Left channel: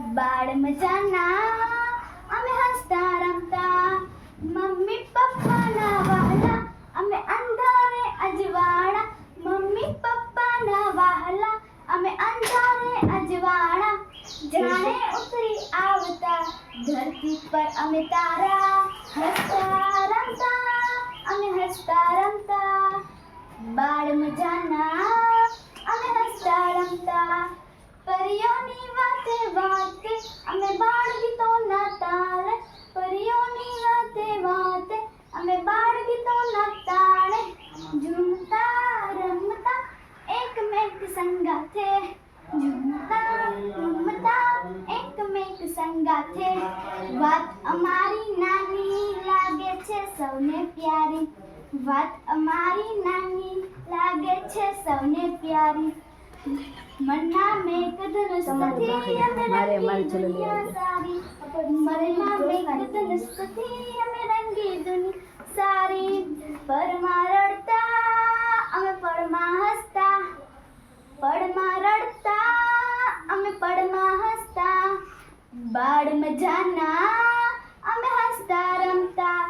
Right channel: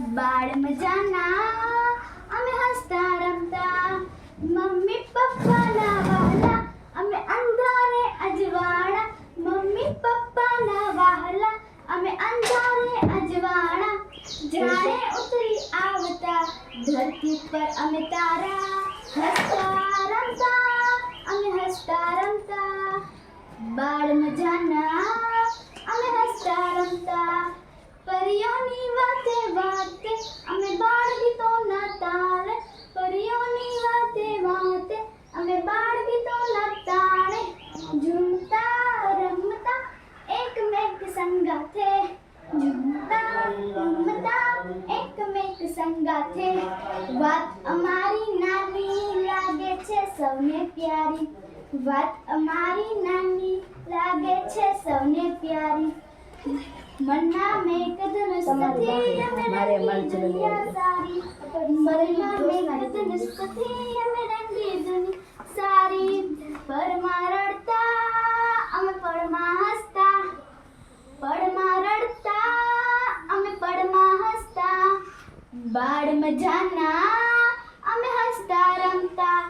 બાળ મજાના અમે હસતા રમતા, મમ્મી પપ્પાના વહાલા અમે અંધા ને અજવાળા, મમ્મી પપ્પાના વહાલા અમે અંધા ને અજવાળા. જાણે ઉતરી આવતા ધરતી પર અમે તારા, હસતા રમતા અમે હસતા રમતા. બાળ મજાના અમે હસતા રમતા, પરીઓની વાતે વાતે અમે બાળ ગીતોના તાળે, પરીઓની વાતે વાતે અમે બાળ ગીતોના તાળે. ઝૂમતા રમતા એકમેક સંગાથે, ઝૂમતા રમતા એકમેક સંગાથે. વાત અમારી નાની લાગે છે સૌને પ્યારી, વાત અમારી નાની લાગે છે સૌને પ્યારી. મનના મેઘ ધનુષથી અમે રંગી દુનિયા સારી, મનના મેઘ ધનુષથી અમે રંગી દુનિયા સારી. પળમાં રડતા અમે પળમાં હસતા, પળમાં રડતા અમે પળમાં હસતા. બાળ મજાના અમે હસતા રમતા.